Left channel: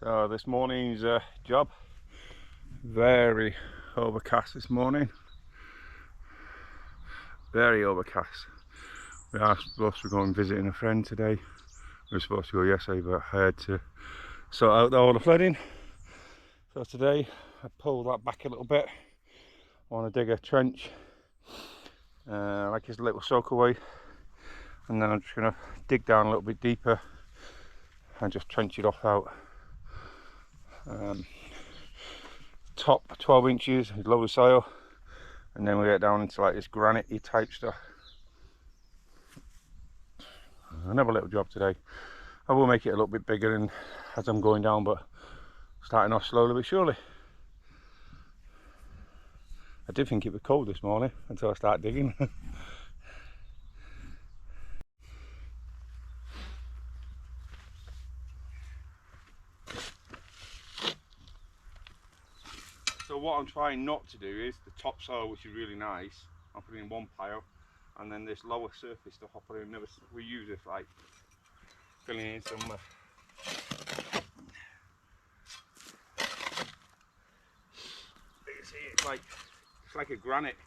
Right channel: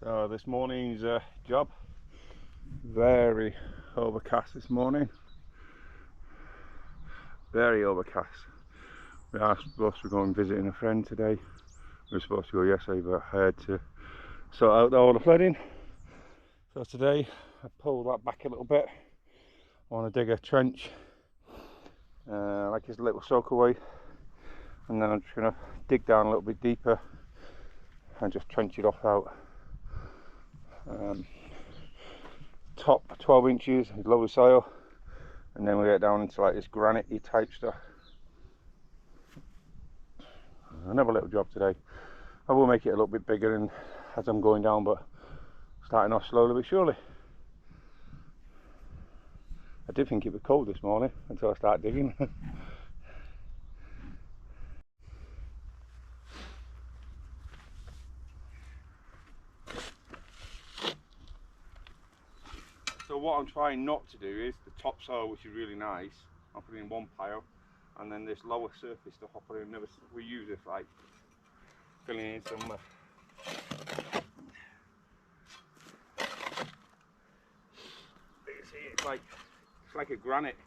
So this morning's job, very overcast this morning, very overcast. We are supposed to go and visiting a friend today. We were supposed to go yesterday, but I had to sort out all the flooding. So today I pulled that back a little bit. I want to dig a trench, like this little soak away, and then I'm just going to dig down a little bit deeper and just trench it off out. Top 12 inches is lower soil, and then we get down into like this granite-y type stuff. Another little job today. I will make it a little bit bigger and as I'm going down, but starting off slowly but surely. I did think it was cold this morning until I started digging. So what I'm trying not to do is the topsoil, which is really nice, I'll put in one pile, and then this lower surface stuff I'll put in another. We use it for like filling in some you can see it's like a granite.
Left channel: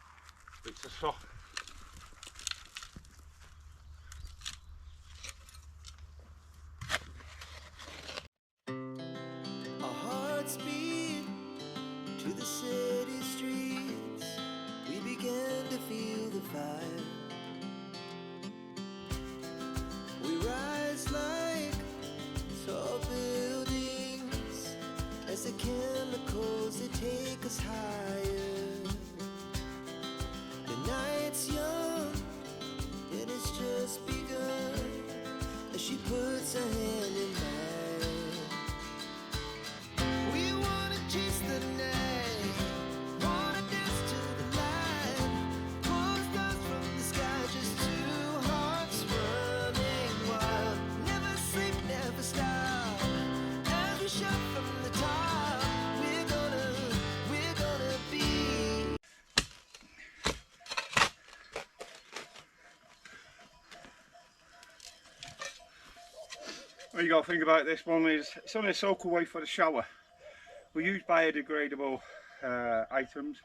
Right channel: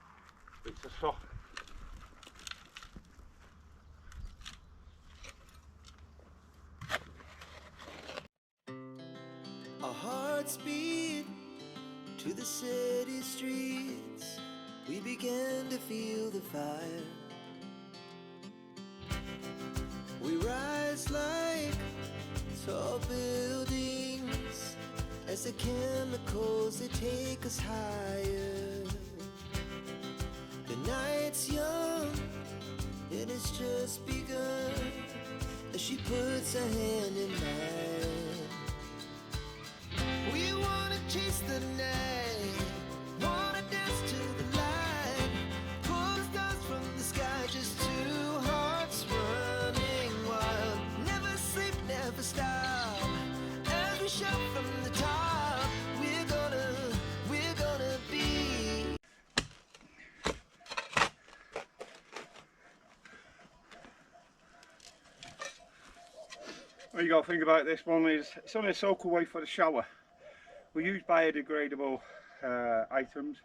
It's a soft. Our hearts beat to the city streets. We began to feel the fire. We rise like tall buildings as the chemicals, they take us higher. The night's young and it's just begun as she puts her hand in mine. We wanna chase the night, wanna dance to the light, pull the stars from the sky, just two hearts running wild. Never sleep, never stop, as we shout from the top. We're gonna be. What you got to think about this one is it's only a soak away for the shower. We use biodegradable items.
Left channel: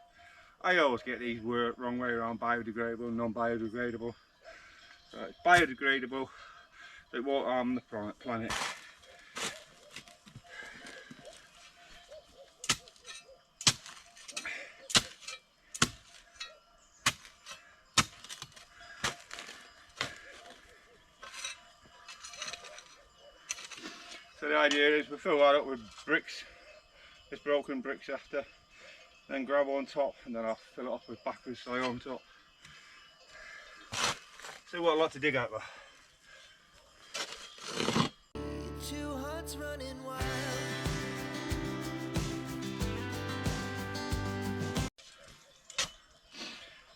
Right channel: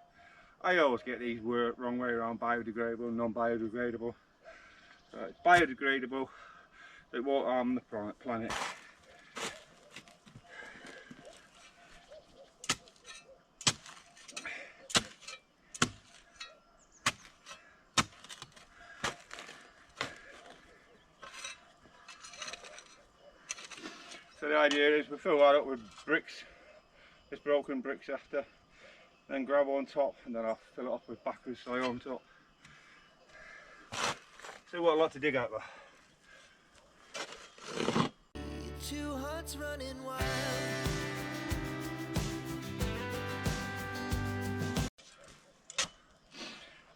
I always get these wrong way around, biodegradable, non-biodegradable. It's biodegradable, it won't harm the planet. So the idea is we fill that up with bricks, this broken bricks after, then gravel on top, and then I'll fill it up with backwards soil on top. See what a lot to dig out there. Two hearts running wild.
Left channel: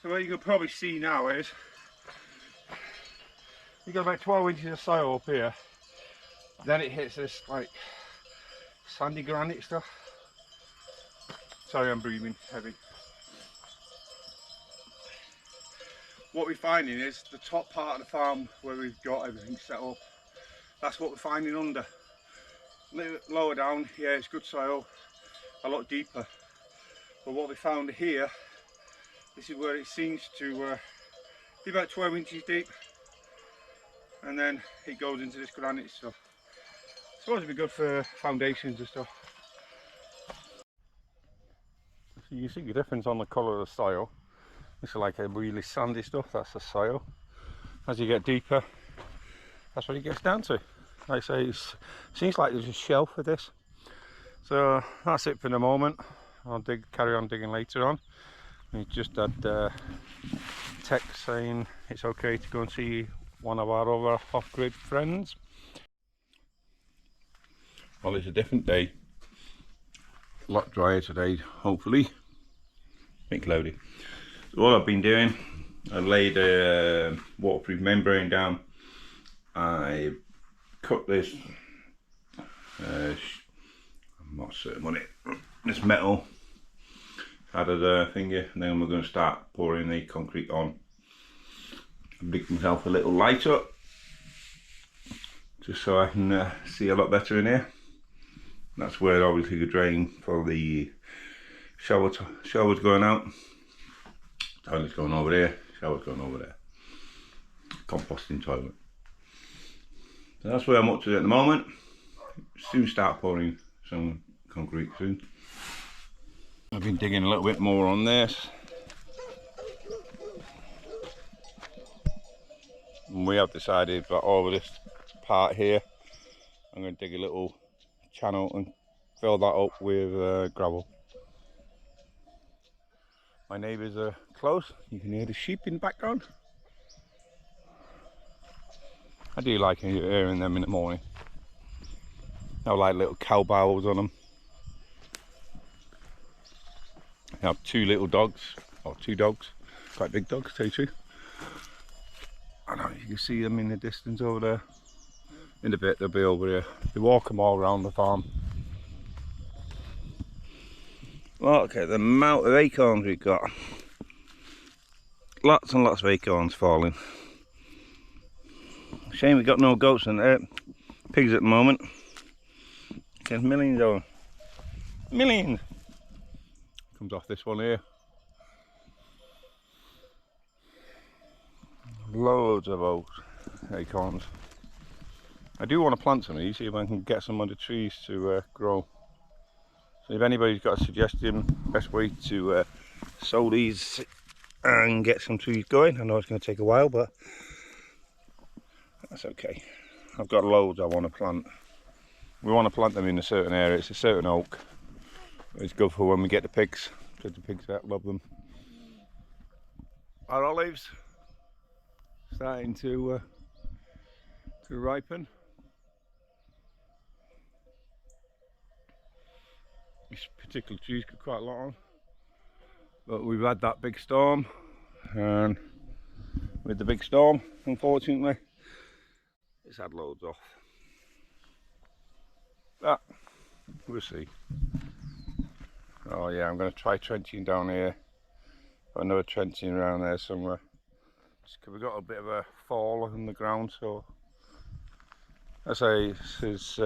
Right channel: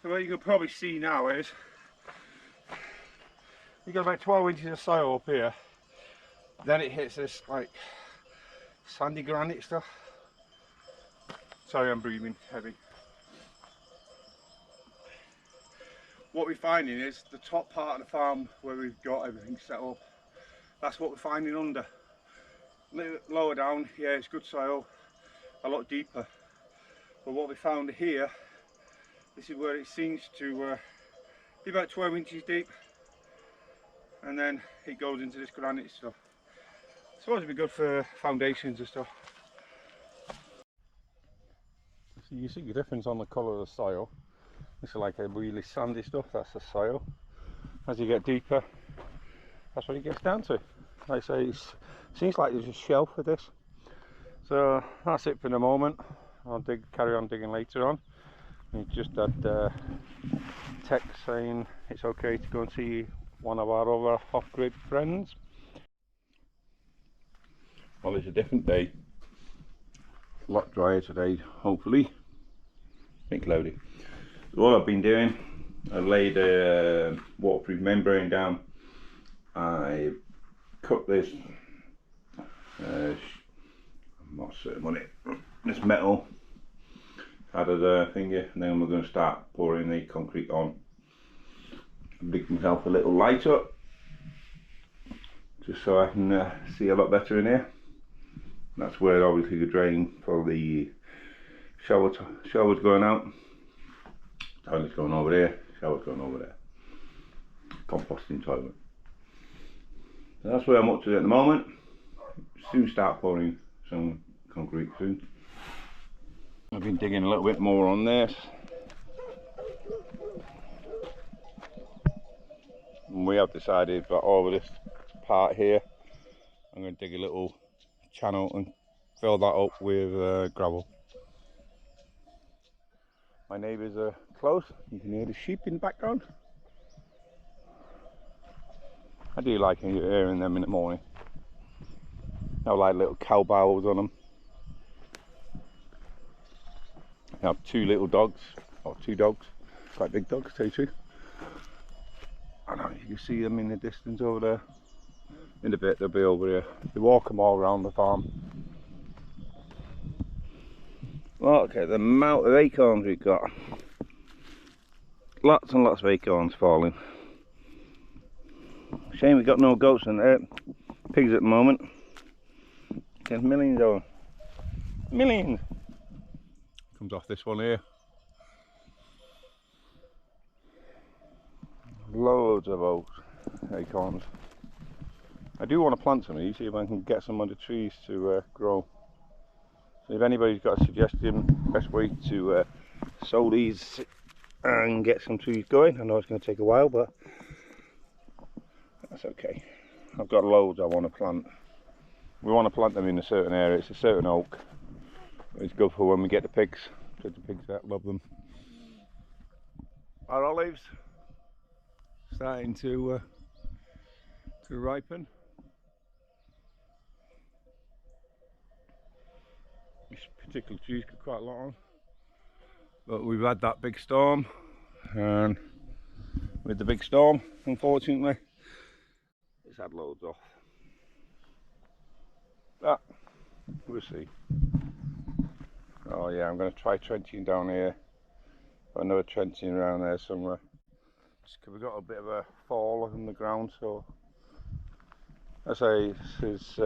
So what you can probably see now is you got about 12 inches of soil up here, then it hits this like sandy granite stuff. Sorry, I'm breathing heavy. What we're finding is the top part of the farm where we've got everything set up, that's what we're finding under. A little lower down, yeah, it's good soil, a lot deeper. But what we found here, this is where it seems to be about 12 inches deep, and then it goes into this granite stuff. It's supposed to be good for foundations and stuff. So you see the difference on the colour of the soil. This is like a really sandy stuff, that's the soil. As you get deeper, that's what it gets down to. Like I say, it seems like there's a shelf for this. So that's it for the moment. I'll carry on digging later on. We just had text saying it's okay to go and see one of our other off-grid friends. Well, it's a different day. A lot drier today, hopefully. A bit cloudy. So what I've been doing, I've laid a waterproof membrane down. I cut this, I'm not certain on it, this metal out of the finger, and then we're going to start pouring the concrete on. I've rigged myself a little light up just so I can see a lot better in here. That's where obviously the drain for the shower's going out. Toilet's going over there, shower's going over there. Composting toilet. So that's where I'm up to at the moment. Soon start pouring some concrete soon. I've been digging a little bit more on this. And we have decided that over this part here, I'm going to dig a little channel and fill that up with gravel. My neighbours are close. You can hear the sheep in the background. I do like hearing them in the morning. They have like little cow bells on them. They have two little dogs, or two dogs, quite big dogs, to tell you the truth. I know you can see them in the distance over there. In a bit they'll be over here. They walk them all around the farm. Look at the amount of acorns we've got. Lots and lots of acorns falling. Shame we've got no goats and pigs at the moment. There's millions of them. Millions! Comes off this one here. Loads of oats, acorns. I do want to plant some of these, see if I can get some under trees to grow. So if anybody's got a suggestion, best way to sow these and get some trees going. I know it's going to take a while, but that's okay. I've got loads I want to plant. We want to plant them in a certain area. It's a certain oak. It's good for when we get the pigs, because the pigs love them. Our olives starting to ripen. This particular tree's got quite a lot on, but we've had that big storm, and with the big storm, unfortunately, it's had loads off. But we'll see. Oh yeah, I'm going to try trenching down here. Got another trenching around there somewhere. Just 'cause we've got a bit of a fall in the ground, so I say this is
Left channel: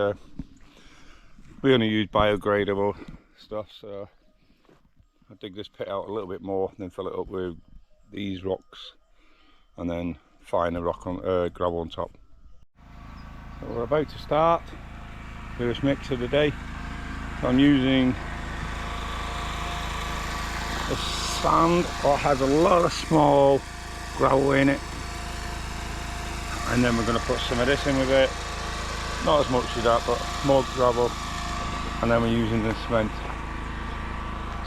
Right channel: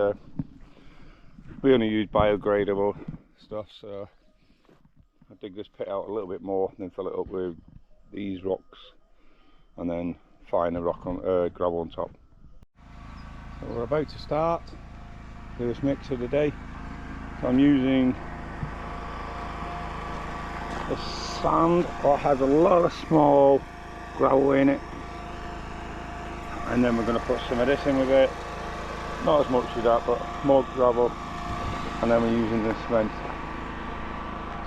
we only use biodegradable stuff, so I dig this pit out a little bit more, then fill it up with these rocks, and then finer rock on gravel on top. So we're about to start this mix of the day. I'm using a sand that has a lot of small gravel in it, and then we're going to put some of this in with it. Not as much as that, but more gravel, and then we're using the cement.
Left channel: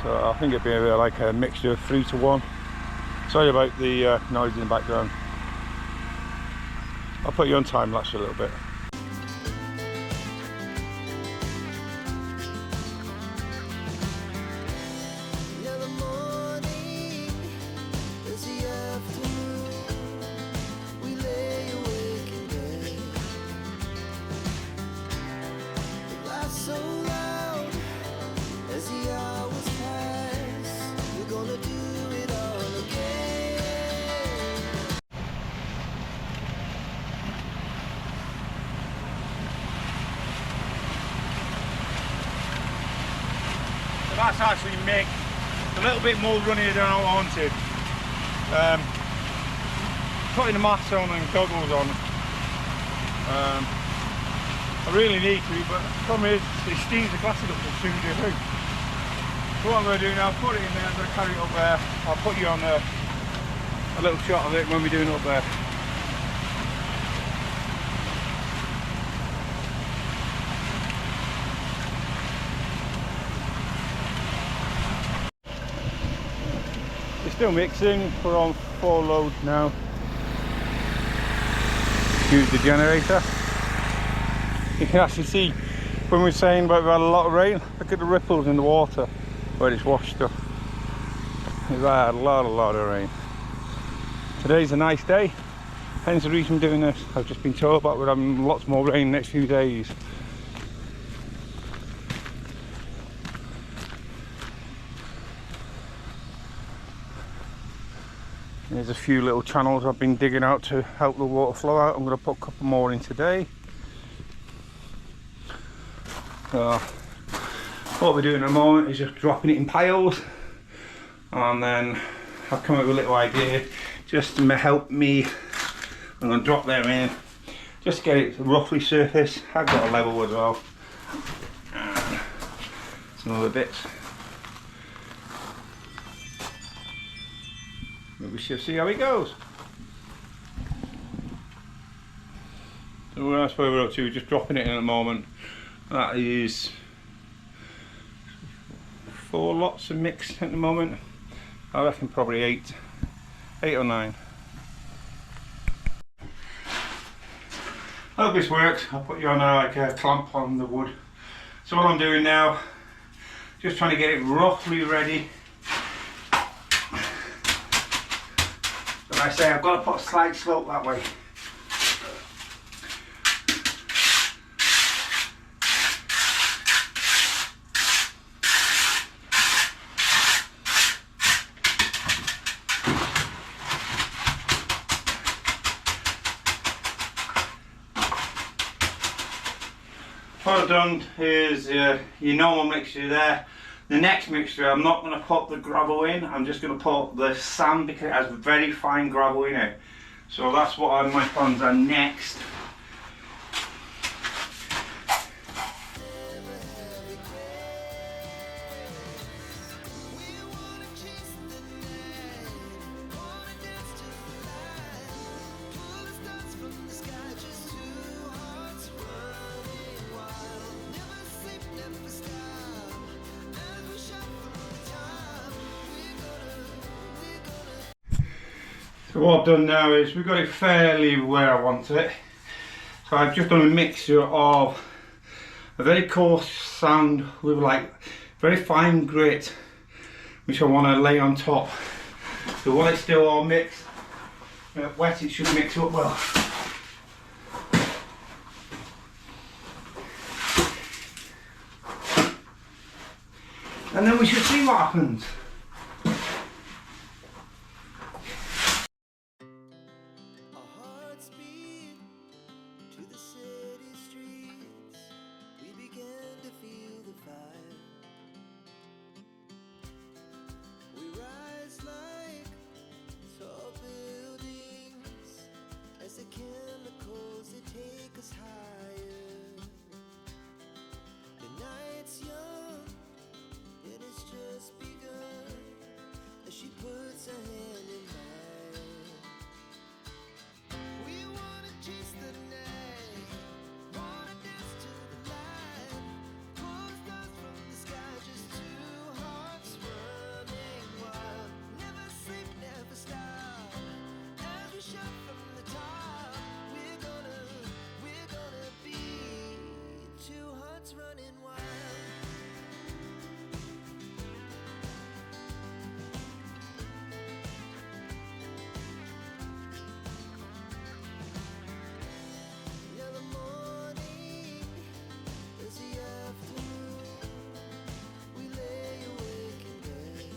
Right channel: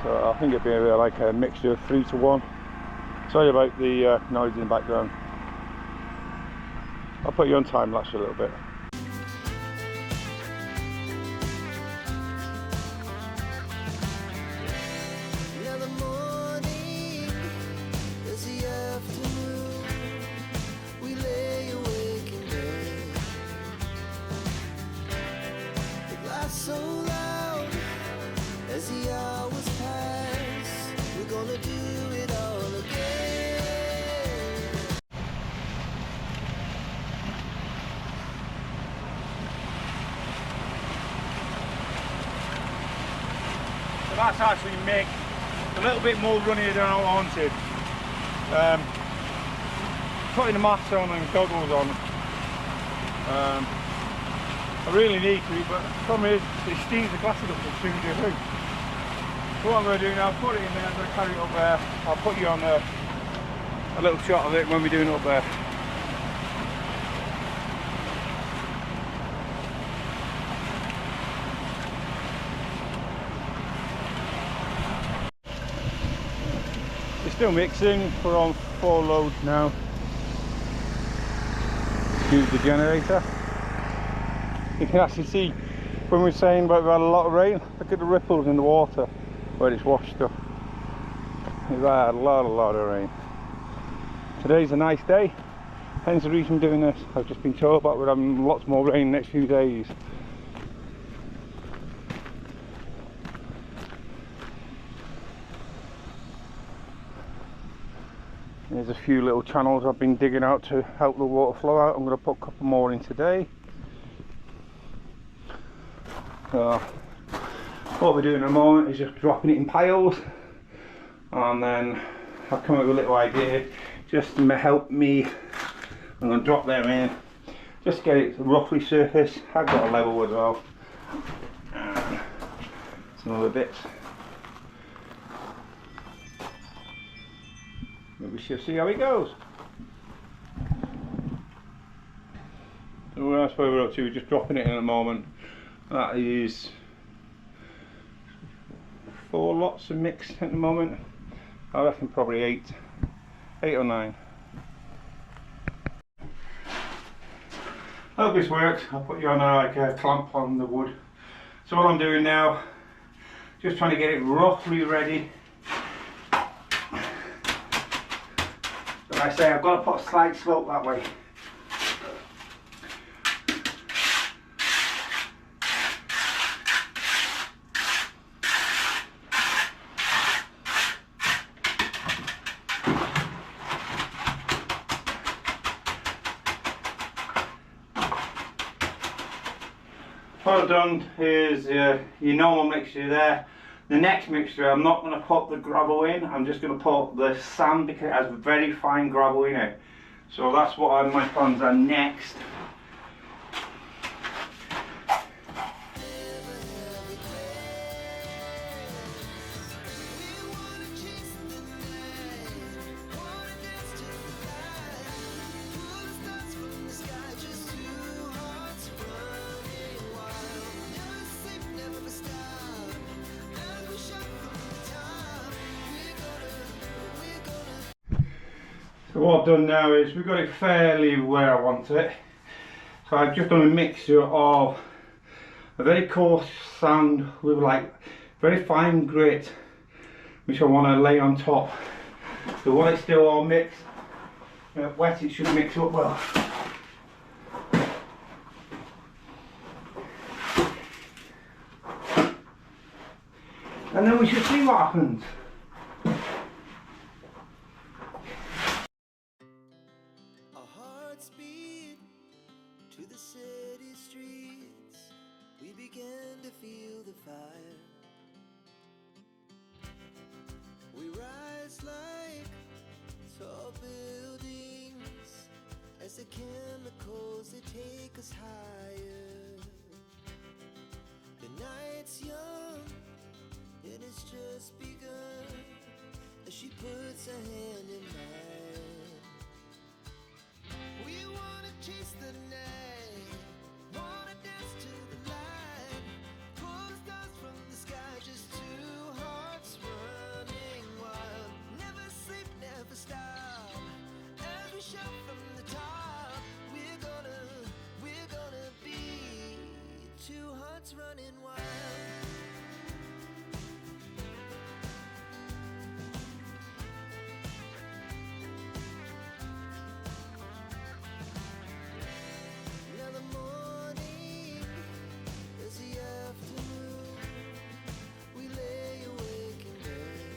So I think it'd be like a mixture of 3 to 1. Sorry about the noise in the background. I'll put you on time lapse a little bit. Now the morning is the afternoon. We lay awake in bed. The glass so loud as the hours pass. We're gonna do it all again. So that's actually mixed. A little bit more runnier than I wanted. Putting the mask on and goggles on. I really need to, but the problem is it steams the plastic up as soon as you do. So what I'm going to do now, put it in there, I'm going to carry it up there. I'll put you on a little shot of it when we're doing it up there. We're still mixing, we're on 4 loads now. Use the generator. You can actually see when we're saying about we've had a lot of rain, look at the ripples in the water where it's washed up. We've had a lot of rain. Today's a nice day, hence the reason I'm doing this. I've just been told about we're having lots more rain the next few days. There's a few little channels I've been digging out to help the water flow out. I'm going to put a couple more in today. So what we're doing at the moment is just dropping it in piles, and then I've come up with a little idea just to help me. I'm going to drop them in just to get it roughly surface. I've got a level as well, and some other bits. We shall see how it goes. So that's where we're up to, we're just dropping it in at the moment. That is 4 lots of mix at the moment. I reckon probably 8 or 9. I hope this works. I'll put you on like a clamp on the wood. So what I'm doing now, just trying to get it roughly ready. Like I say, I've got to put a slight slope that way. What I've done is your normal mixture there. The next mixture, I'm not going to put the gravel in, I'm just going to put the sand because it has very fine gravel in it. So that's what my plans are next. So what I've done now is we've got it fairly where I want it. So I've just done a mixture of a very coarse sand with like very fine grit, which I want to lay on top. So while it's still all mixed, wet, it should mix up well. And then we should see what happens. The chemicals that take us higher. The night's young, it has just begun. As she puts her hand in mine, we wanna chase the night, wanna dance to the light, pull the stars from the sky, just two hearts running wild. Never sleep, never stop, as we shout from the top. Running wild. Now the morning is the afternoon. We lay awake in bed.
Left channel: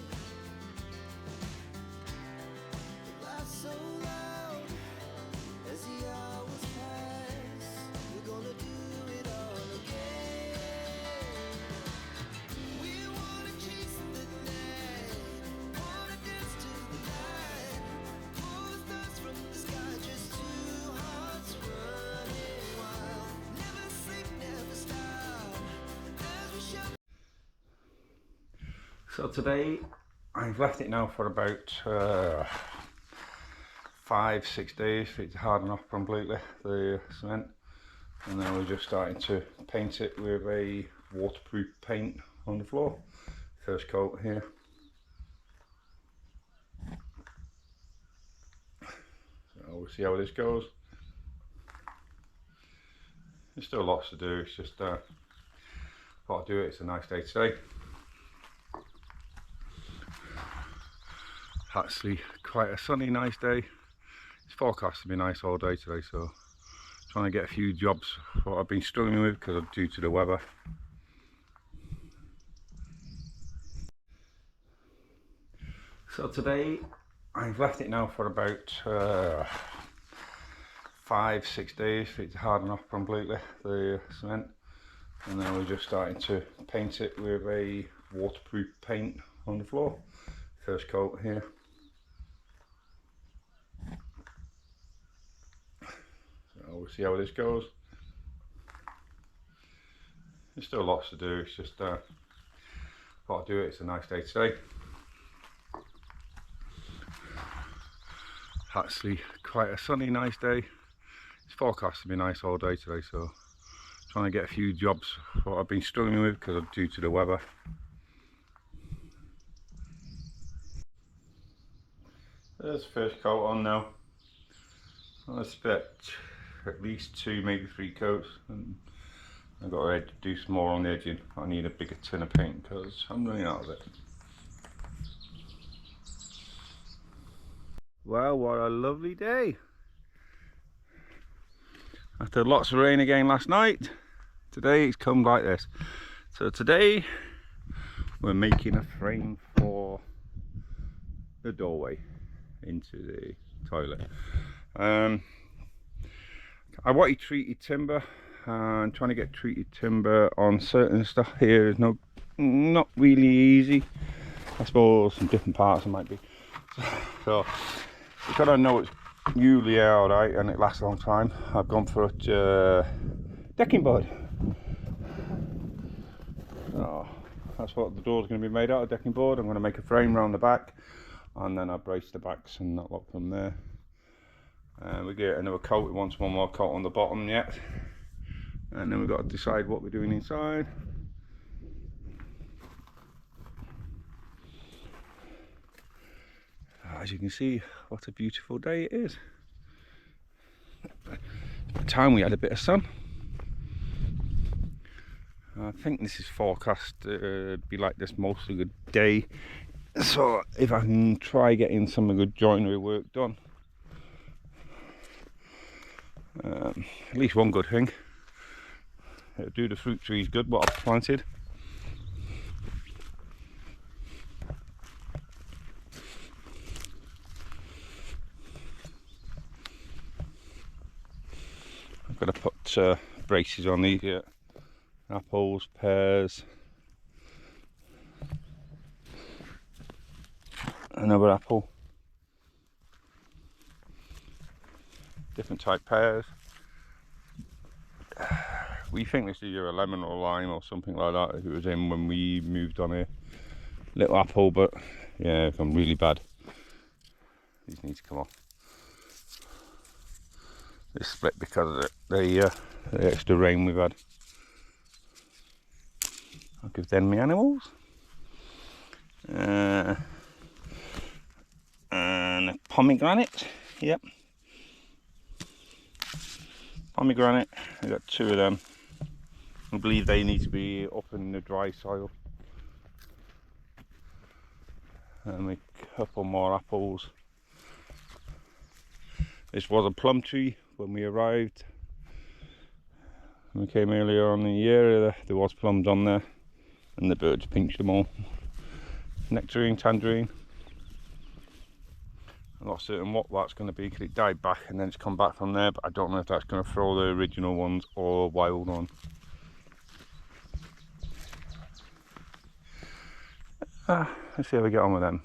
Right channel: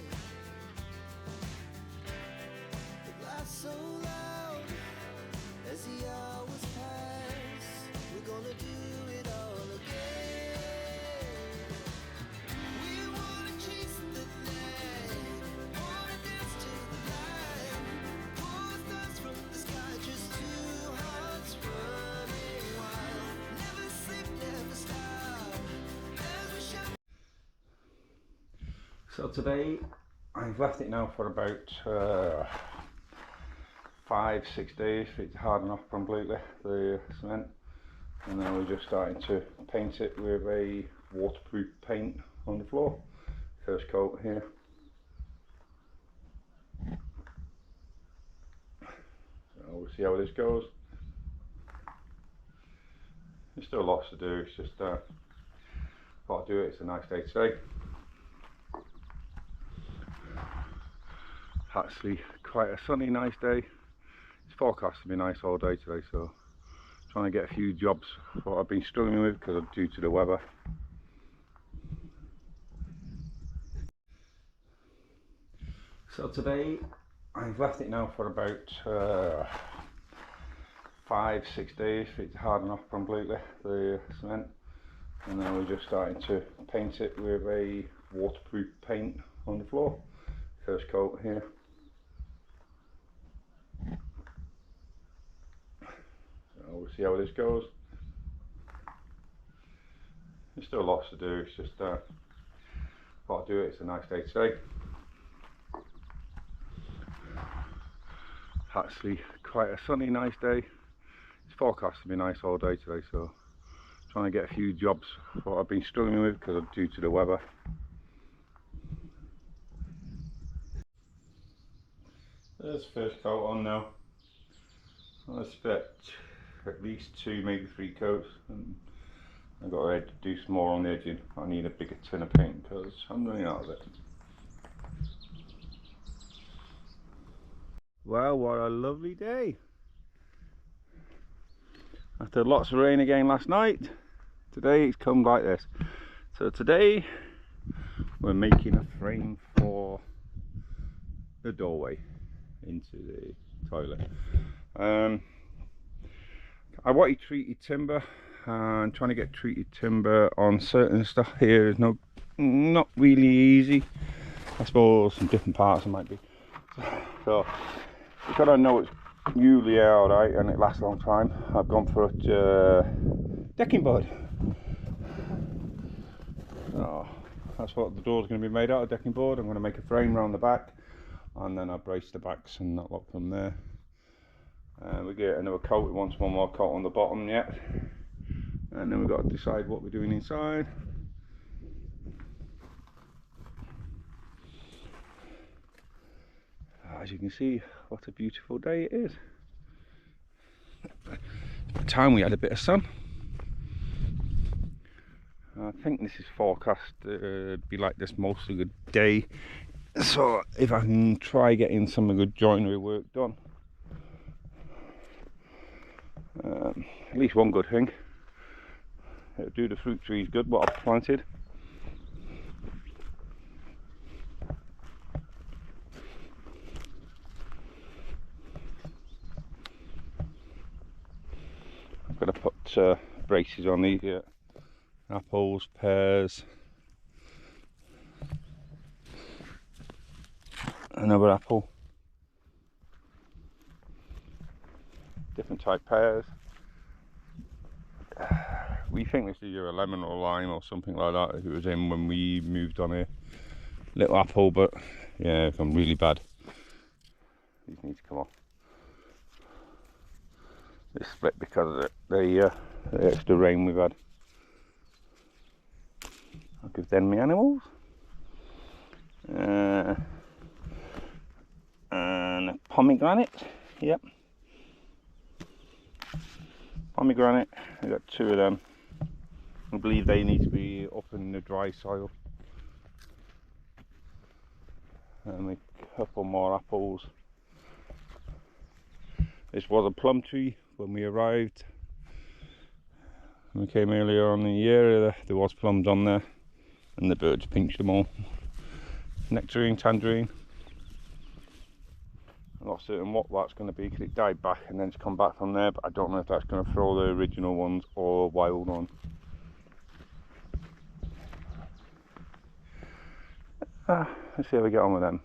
The laughs so loud as the hours pass. We're gonna do it all again. So today I've left it now for about 5-6 days for it to harden off completely, the cement, and then we're just starting to paint it with a waterproof paint on the floor. First coat here. So we'll see how this goes. There's still lots to do, it's just thought I'd do it. It's a nice day today. Actually quite a sunny, nice day. It's forecast to be nice all day today, so trying to get a few jobs what I've been struggling with because due to the weather. So today I've left it now for about 5-6 days for it to harden off completely, the cement, And now we're just starting to paint it with a waterproof paint on the floor. First coat here. So we'll see how this goes. There's still lots to do, it's just got to do it. It's a nice day today. Actually quite a sunny, nice day. It's forecast to be nice all day today, so trying to get a few jobs what I've been struggling with because of due to the weather. There's the first coat on now. I expect at least 2, maybe 3 coats, and I've got ready to do some more on the edging. I need a bigger tin of paint because I'm running out of it. Well, what a lovely day. After lots of rain again last night, today it's come like this. So today we're making a frame for the doorway into the toilet. I wanted treated timber, and trying to get treated timber on certain stuff here is not really easy. I suppose some different parts it might be. So because I know it's usually alright and it lasts a long time, I've gone for a decking board. So that's what the door's going to be made out of, decking board. I'm going to make a frame around the back, and then I brace the backs and that lot from there. We get another coat. We want one more coat on the bottom yet, and then we've got to decide what we're doing inside. As you can see, what a beautiful day it is. At the time we had a bit of sun. I think this is forecast to be like this most of the day, so if I can try getting some good joinery work done, at least one good thing, it'll do the fruit trees good what I've planted. I'm going to put braces on these here. Apples, pears, another apple, different type pears. We think this is either a lemon or lime or something like that. If it was in when we moved on here, little apple, but yeah, it's gone really bad. These need to come off. This split because of the extra rain we've had. I'll give them my animals. And a pomegranate, yep. Pomegranate, I've got 2 of them. I believe they need to be up in the dry soil. And a couple more apples. This was a plum tree when we arrived. When we came earlier on in the year, there was plums on there, and the birds pinched them all. Nectarine, tangerine. I'm not certain what that's going to be because it died back and then it's come back from there, but I don't know if that's going to throw the original ones or wild one. Let's see how we get on with them.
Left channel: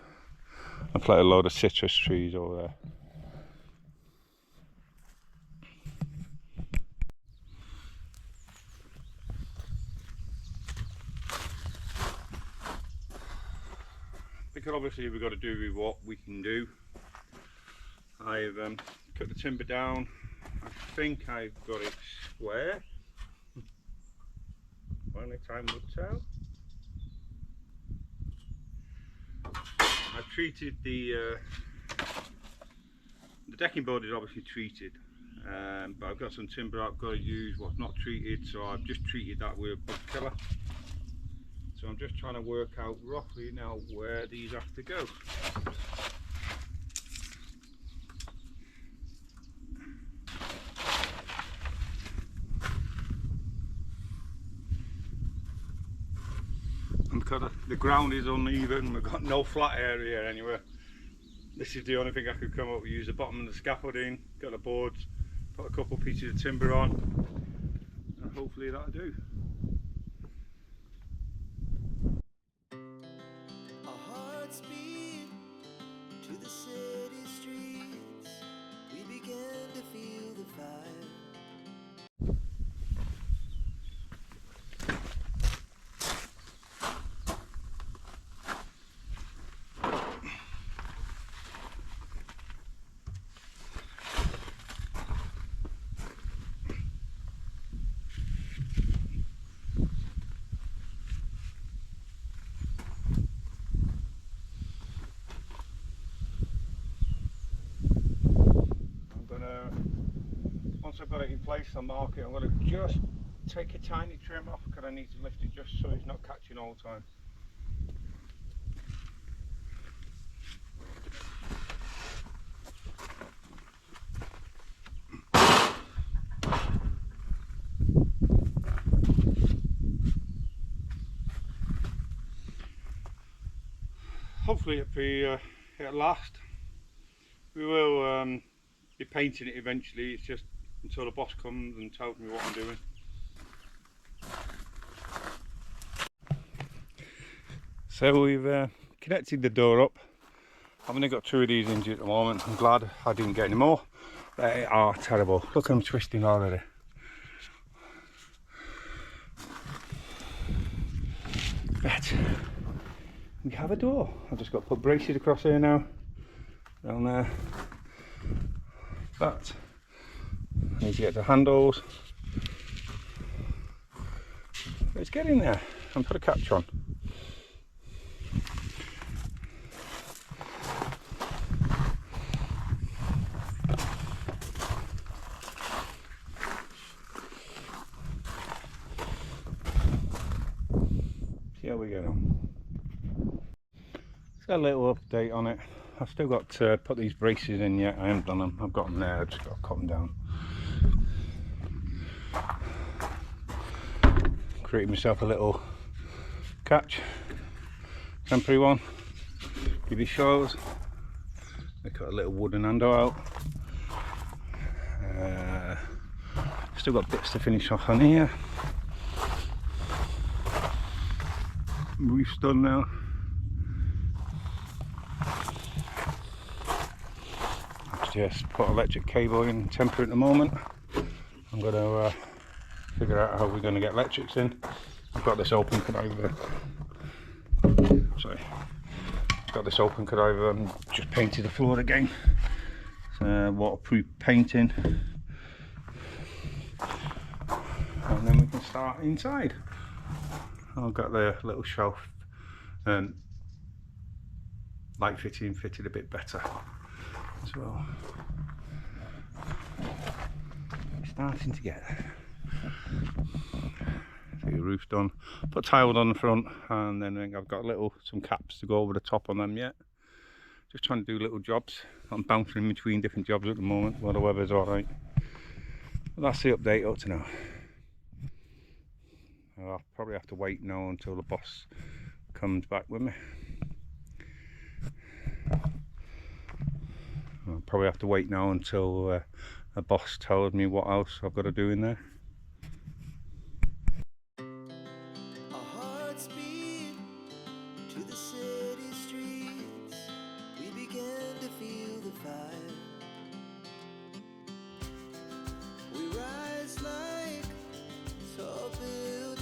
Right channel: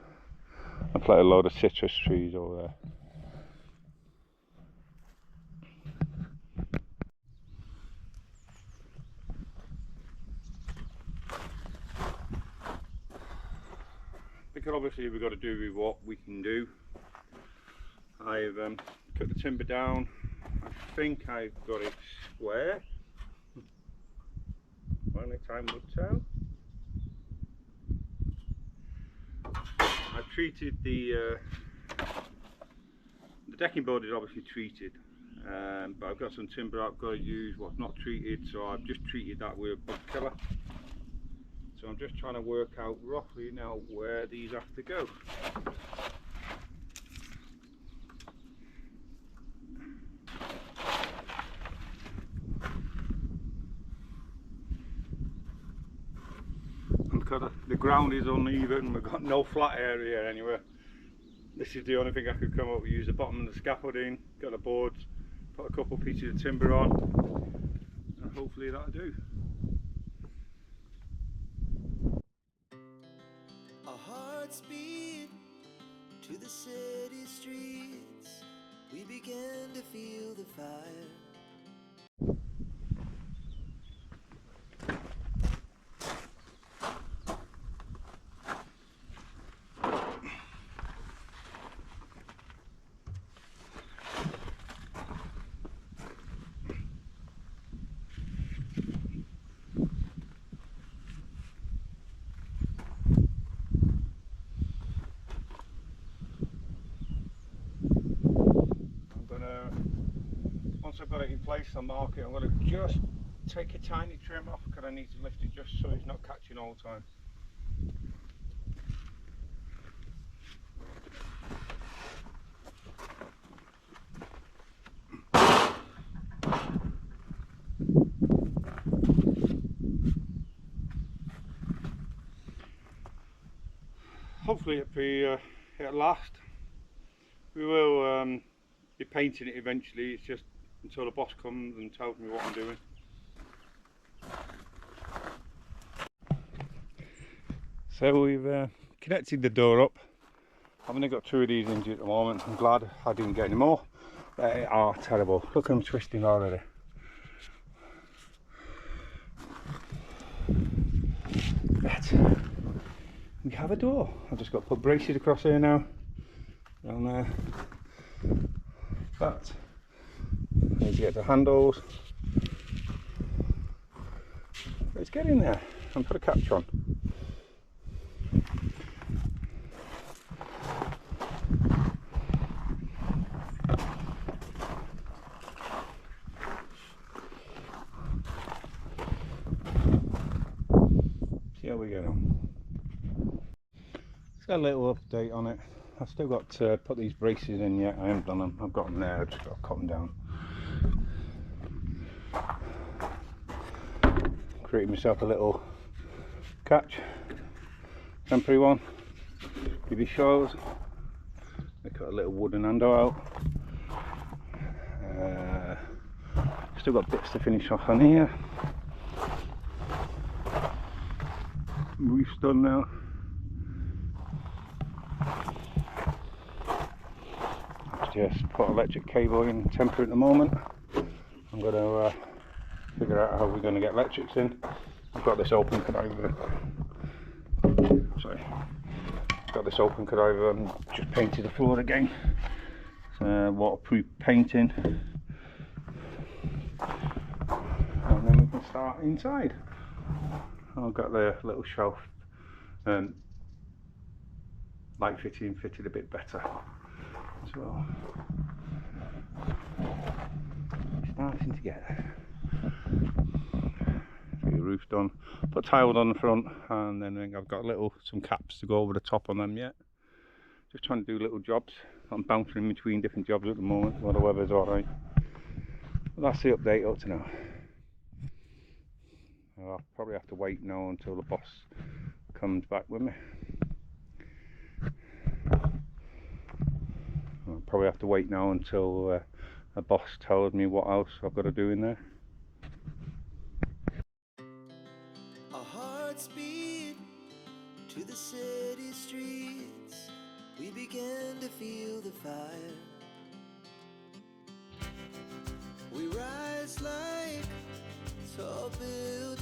I've planted a load of citrus trees over there. Because obviously we've got to do with what we can do. I've cut the timber down. I think I've got it square. Only time will tell. I've treated the decking board is obviously treated, but I've got some timber I've got to use what's not treated, so I've just treated that with a bug killer. So I'm just trying to work out roughly now where these have to go. And because the ground is uneven, we've got no flat area anywhere. This is the only thing I could come up with. Use the bottom of the scaffolding, got the boards, put a couple pieces of timber on, and hopefully that'll do. the city streets, we began to feel the fire. Once I've got it in place, I'll mark it. I'm going to just take a tiny trim off because I need to lift it just so it's not catching all the time. Hopefully it'll last. We will be painting it eventually. It's just until the boss comes and tells me what I'm doing. So we've connected the door up. I've only got 2 of these injured at the moment. I'm glad I didn't get any more. They are terrible. Look at them twisting already. But we have a door. I've just got to put braces across here now. Down there. But I need to get the handles. It's getting there. And put a catch on. See how we get on. It's got a little update on it. I've still got to put these braces in yet. I haven't done them. I've got them there. I've just got to cut them down. Created myself a little catch, temporary one. Give you shows. I cut a little wooden handle out. Still got bits to finish off on here. Roof's done now. Just put electric cable in, temporary at the moment. I'm going to figure out how we're going to get electrics in. I've got this open conniver. Sorry, got this open conniver and just painted the floor again. Waterproof painting, and then we can start inside. I've got the little shelf light fitting fitted a bit better. So starting to get there. So your roof's done. Put tile on the front, and then I've got some caps to go over the top on them yet. Just trying to do little jobs. I'm bouncing between different jobs at the moment while the weather's alright. But that's the update up to now. I'll probably have to wait now until the boss comes back with me. I'll probably have to wait now until the boss tells me what else I've got to do in there. Our hearts beat to the city streets, we began to feel the fire. We rise like tall buildings.